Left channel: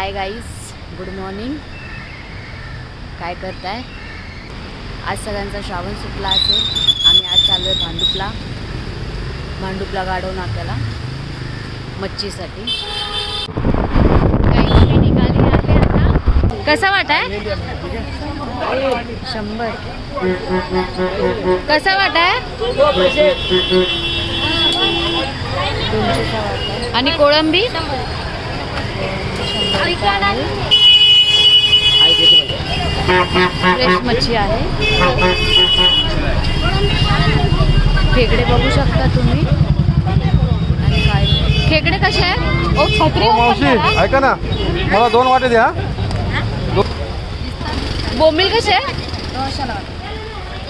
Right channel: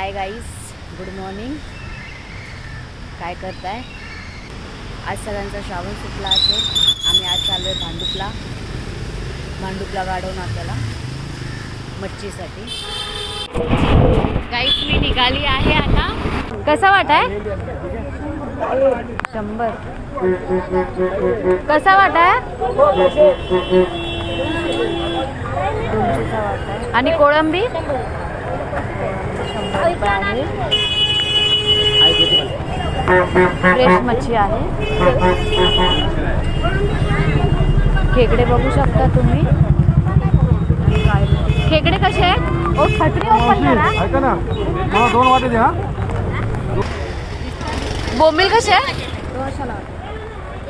Hi guys, good morning. काय करताय? आज सगळ्यांचा श्रावण सुटला असेल. आम्ही आज चाललो आहे भांडुपला गाढव नाक्याला मच्छीसाठी. गाईज मी निघाली आहे आता. कसा वाटाय? 100. कसा वाटाय? 200चा वाटा. आणि कोळंबी 100 आहे. फ्रेश मच्छी आहे. खेकडे बघू शकता तुम्ही. खेकडे कसे आहेत? ओ छत्री ओपन करा. ऐका ना, मला 2 वाटे द्या. बोंबील कसे आहे?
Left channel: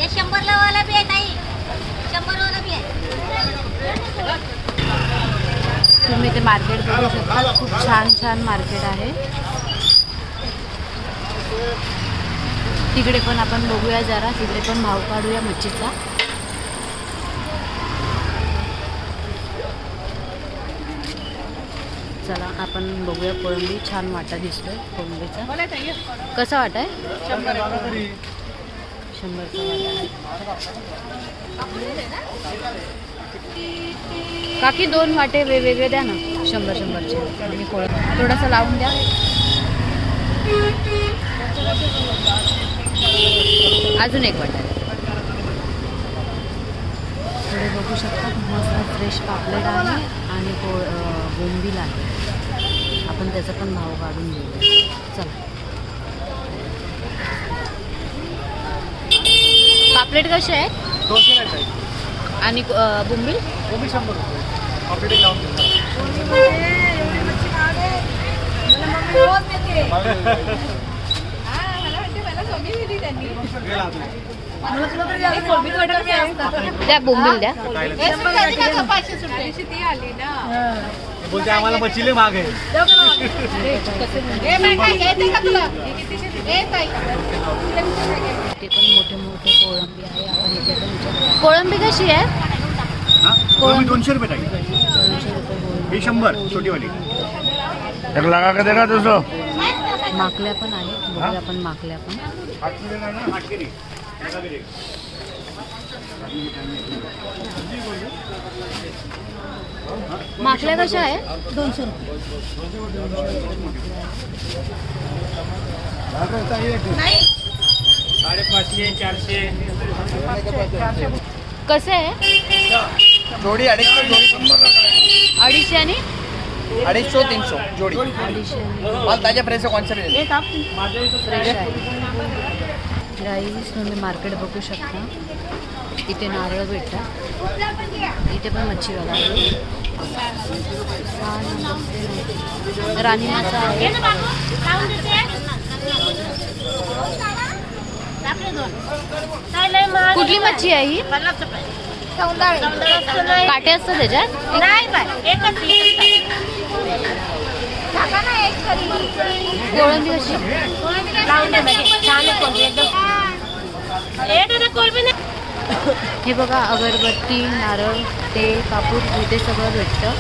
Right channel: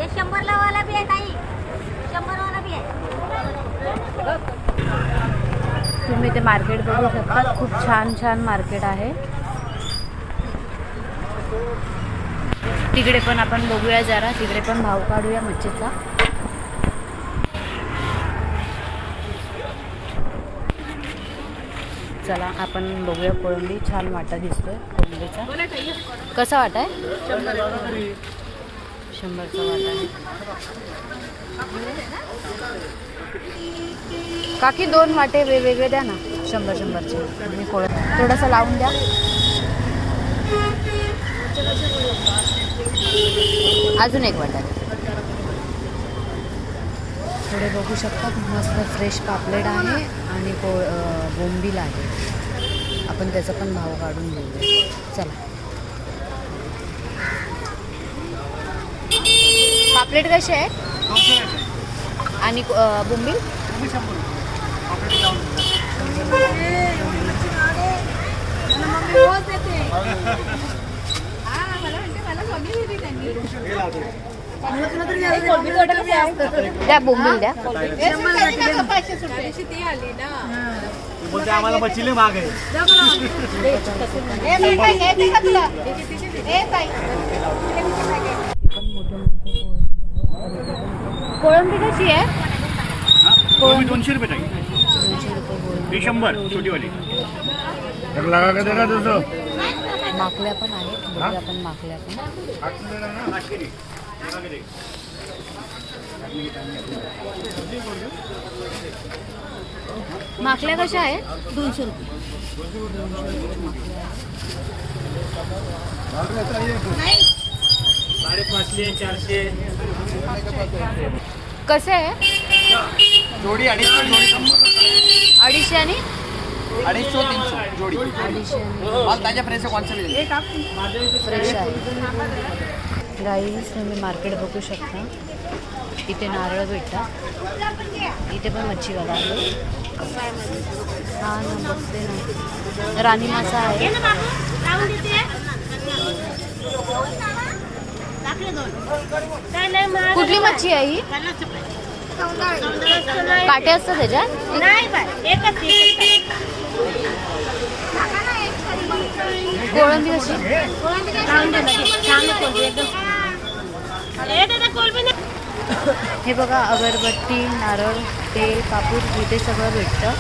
100 वाला भी है ताई, 100 वाला भी है. तुम्ही ते मार्केट बघू शकता. खूप छान छान मार्केट आहे. तिकडे पण आपण बघूया जरा. तिकडे पण भाव काढूया मच्छीचा. चला आपण बघूया. कोळंबी छान वाटा दिसतोय कोळंबीचा. कसा वाटा आहे? 100चा वाटा आहे. काकी 2 वाटे वेगवेगळे द्या ना. 100-100चे. मी थोडासा लावून द्या. अजून 1 वाटा द्या. थोडे बघू शकता. मस्त फ्रेश पापलेट आहे आणि बोंबील आहे. आपण त्याचा पण भाव काढून घेऊया. चला. पापलेट कसे आहेत? 200 आणि बोंबील 100 रुपये. पापलेट लावून द्या. बोंबील द्या. बोलते आम्हाला मच्छीले महाग आहे. ते पण मोठे मोठे कोळंबी आहे. आपण इथे पण विचारू. कोळंबी कशी आहे? कोळंबी 200 रुपये ताई. 200 रुपये कोळंबी. 100 छोटीवाली. एक लगा के देगा 200. माकल्या पण आहेत. बघूया आपण माकल्या पण. माकल्या कशा आहेत? 200 रुपये. 200 माकल्या आहेत. 550 400. कसे आहे? जोडी 250. 250 आणि 250 300 जोडी. 250 माल ताजा फ्रेश आहे. कोणचा फ्रेश आहे. गाईस तुम्ही मार्केट बघू शकता. इथे नारळ भेटतात. इथे पण मच्छीवाला आहे. हा ना, बघते ना. राणी मासा आहे. कुठली मच्छी आहे ही? काटे असतात त्याच्यात? कोळंबी कशी? हे बघा, अगरबत्ती, नारळ, तेल, कापूर इथे सगळं भेटतं.